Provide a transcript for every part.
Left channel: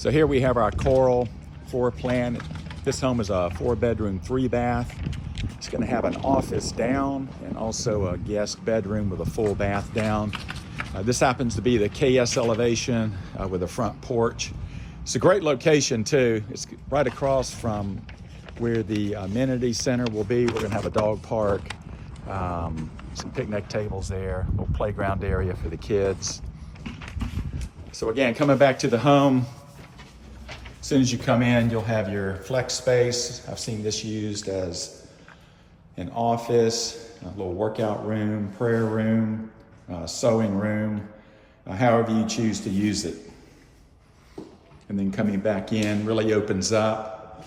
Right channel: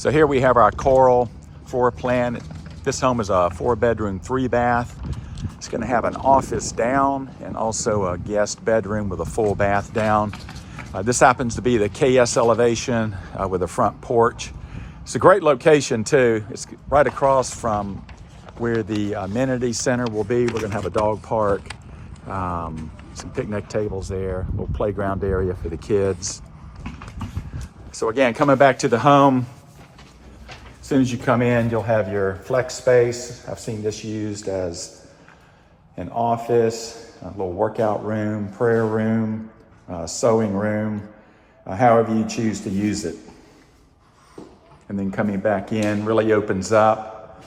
So here we have our coral floor plan. This home is a 4-bedroom, 3-bath. It's going to have an office down and also a guest bedroom with a full bath down. This happens to be the KS elevation with a front porch. It's a great location too. It's right across from where the amenity center will be. We're going to have a dog park, some picnic tables there, a little playground area for the kids. So again, coming back to the home, as soon as you come in, you'll have your flex space. I've seen this used as an office, a little workout room, prayer room, sewing room, however you choose to use it. And then coming back in really opens up.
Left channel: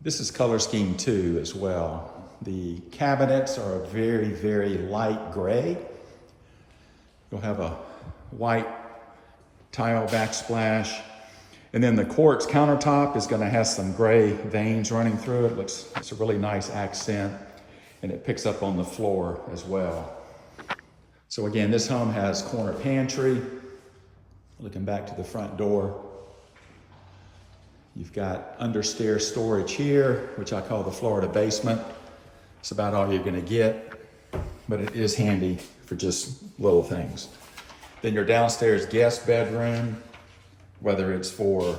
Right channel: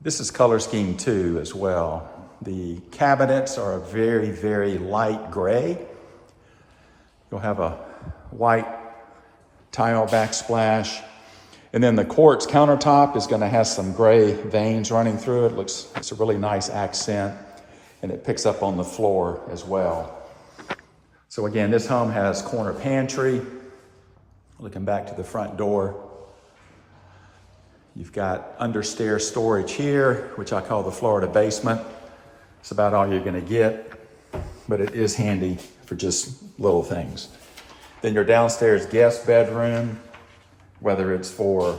This is color scheme too as well. The cabinets are very, very light gray. You'll have a white tile backsplash. And then the quartz countertop is going to have some gray veins running through it. It's a really nice accent, and it picks up on the floor as well. So again, this home has corner pantry. Looking back to the front door, you've got understairs storage here, which I call the Florida basement. It's about all you're going to get, but it is handy for just little things. Then your downstairs guest bedroom, whether it's for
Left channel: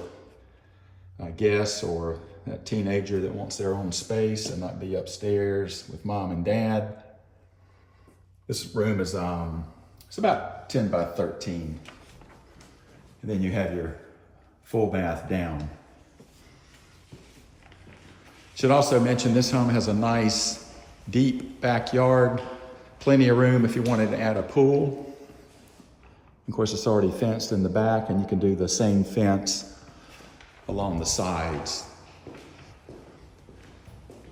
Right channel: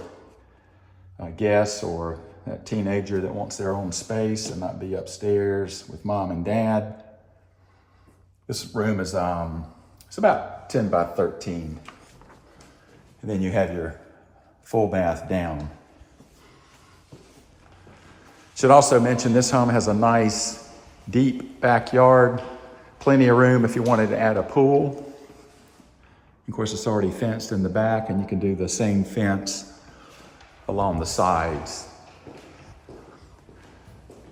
guests or a teenager that wants their own space and not be upstairs with mom and dad. This room is it's about 10 by 13. And then you have your full bath down. Should also mention this home has a nice deep backyard, plenty of room if you wanted to add a pool. Of course, it's already fenced in the back, and you can do the same fence along the sides.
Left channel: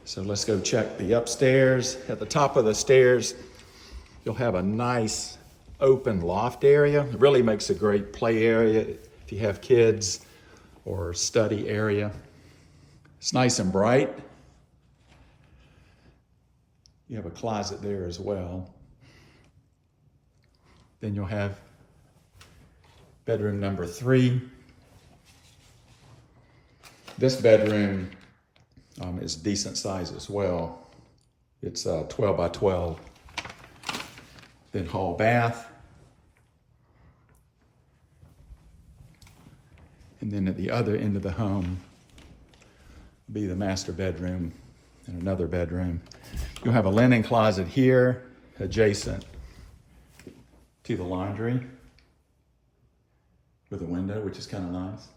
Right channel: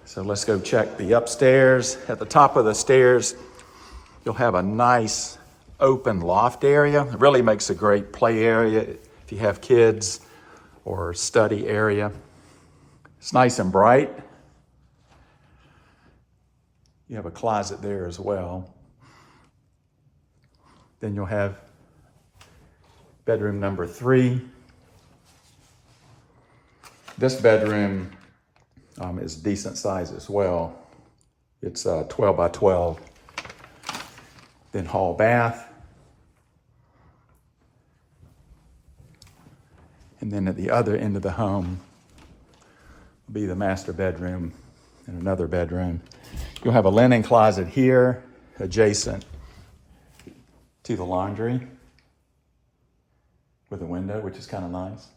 So let's go check the upstairs. At the top of the stairs, you'll have a nice open loft area. It really makes a great play area if you have kids, or study area. It's nice and bright. You have a closet there as well. Then you'll have bedroom number 3. This bedroom is decent size as well. It's 12 by 12. Then hall bath. And then at the other end of the home will be the master bedroom and another bedroom. You'll have a linen closet here adjacent to the laundry with a window, which is kind of nice.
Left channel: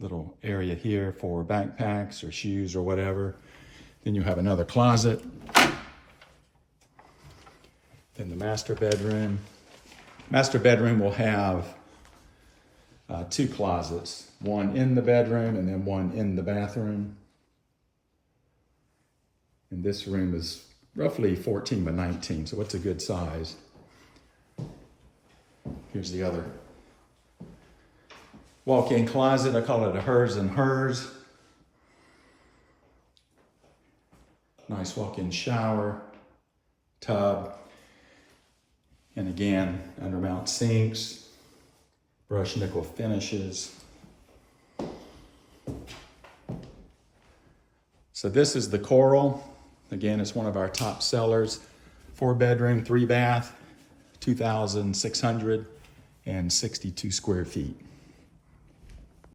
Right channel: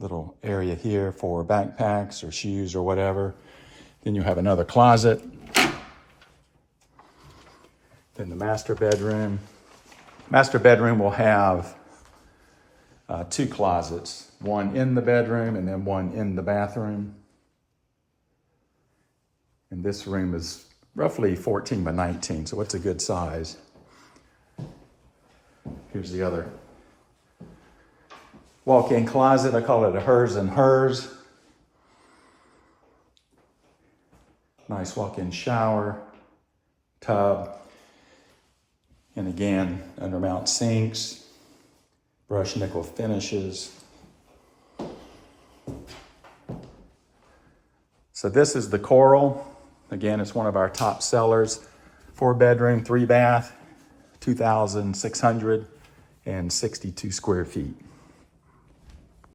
Little area here for backpacks or shoes or whatever. Then you'll have another closet. Then the master bedroom. Master bedroom will have 2 closets, one in the bedroom and then one in the bathroom. And this room is roughly 14 by 19, so it's a good size. Here's the other walk-in closet. I call it a hers and hers. Nice walk-in shower, tub, and again, undermount sinks, brushed nickel finishes. So this is the coral. Again, it's one of our top sellers. 4-bedroom, 3-bath, 2,662 square feet.